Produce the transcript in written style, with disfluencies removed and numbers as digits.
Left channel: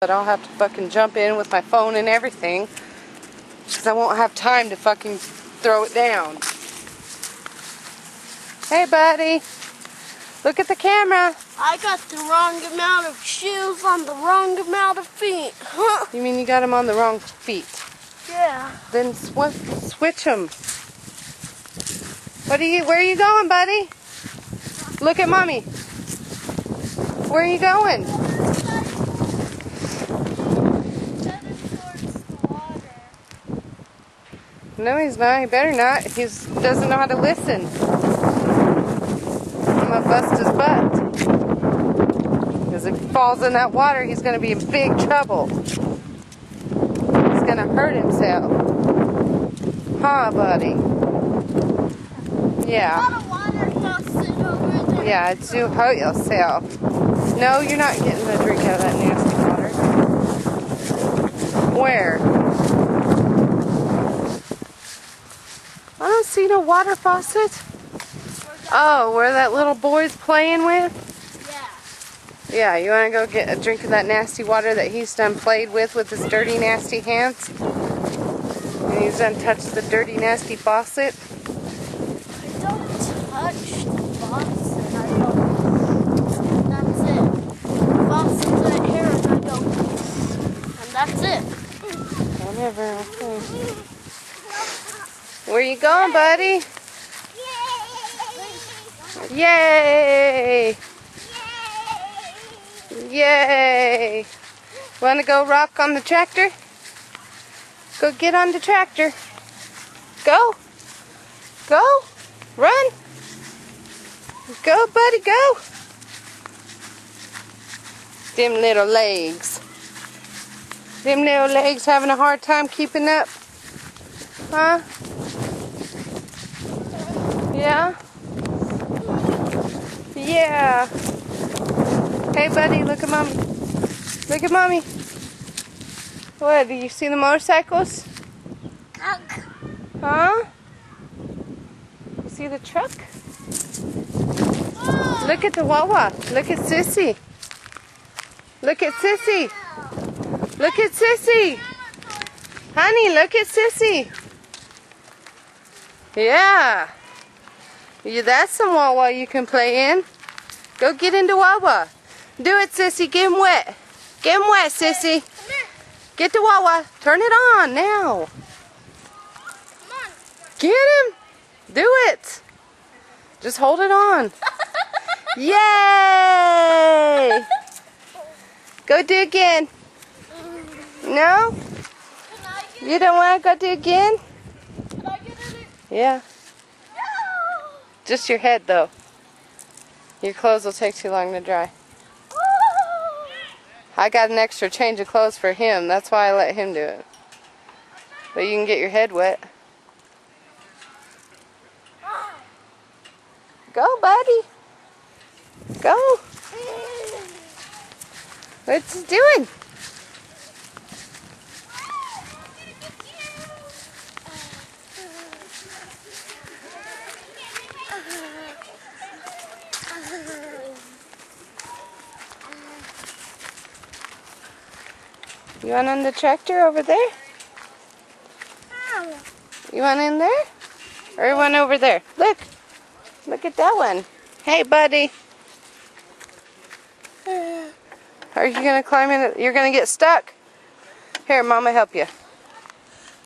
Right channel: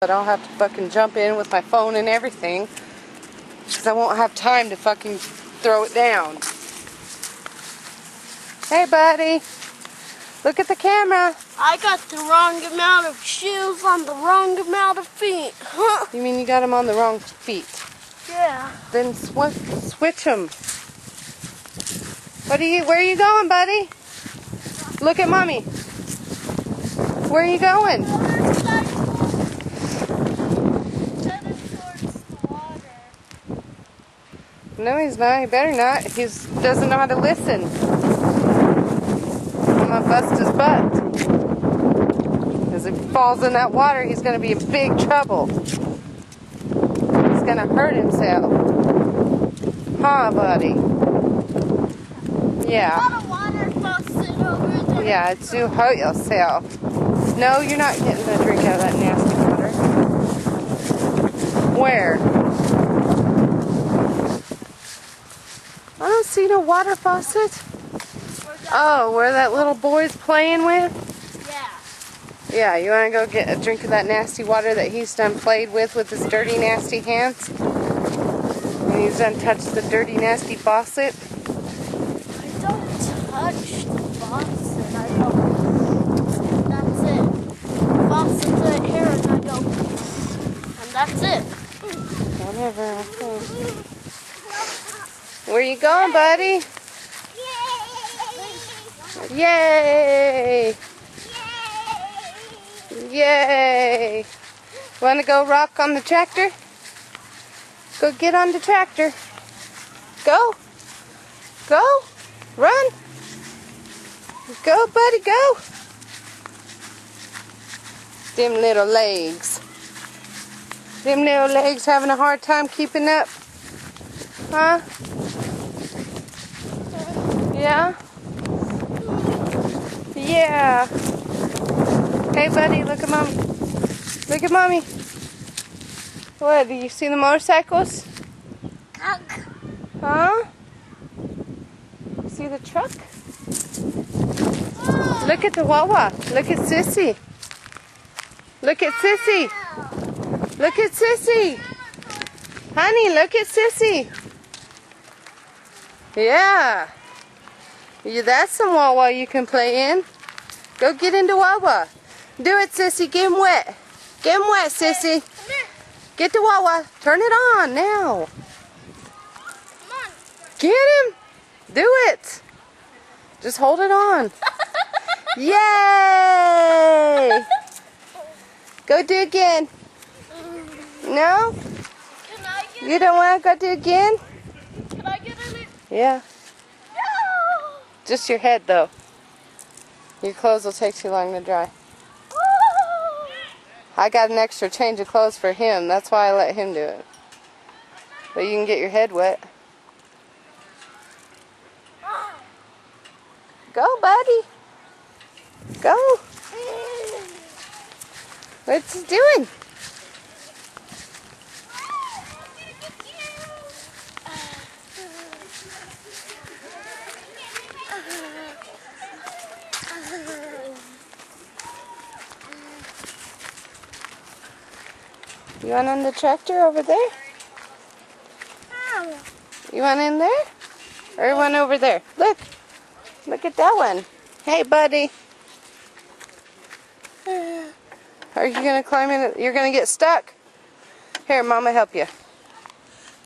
But I'll have to fucking jump in with my phone and everything, because I won't have time to fucking throw it down. Hey, buddy. Look at the camera. I got the wrong amount of shoes on the wrong amount of feet. Huh? You mean you got them on the wrong feet? Yeah. Then switch them. Where are you going, buddy? Look at mommy. Where are you going? No, he's not. He better not. He doesn't know how to listen. I'm going to bust his butt. Because if he falls in that water, he's going to be in big trouble. He's going to hurt himself. Huh, buddy? Yeah. Got a water faucet over there. Yeah, it's to hurt yourself. No, you're not getting a drink out of that nasty water. Where? I don't see no water faucet. Oh, where that little boy's playing with? Yeah. Yeah, you want to go get a drink of that nasty water that he's done played with his dirty, nasty hands? And he's done touched the dirty, nasty faucet? I don't touch the faucet. I go, and that's it. The faucet's right here, and I go, and that's it. Whatever. Okay. Where you going, buddy? Yay! Yay! Want to go rock on the tractor? Go get on the tractor. Go. Go. Run. Go, buddy, go. Them little legs. Them little legs having a hard time keeping up. Huh? Yeah? Yeah. Hey, buddy, look at mommy. Look at mommy. What, do you see the motorcycles? Huh? You see the truck? Look at the Wawa. Look at Sissy. Look at Sissy. Look at Sissy. Honey, look at Sissy. Yeah. That's some Wawa you can play in. Go get into Wawa. Do it, Sissy. Get him wet. Get him wet, Sissy. Get the Wawa. Turn it on now. Come on. Get him. Do it. Just hold it on. Yay! Go do again. No? You don't want to go do again? Can I get in it? Yeah. No! Just your head, though. Your clothes will take too long to dry. I got an extra change of clothes for him. That's why I let him do it. But you can get your head wet. Go, buddy. Go. What's he doing? You want on the tractor over there? You want in there? Or you want over there? Look. Look at that one. Hey, buddy. Are you going to climb in? You're going to get stuck? Here, Mama help you.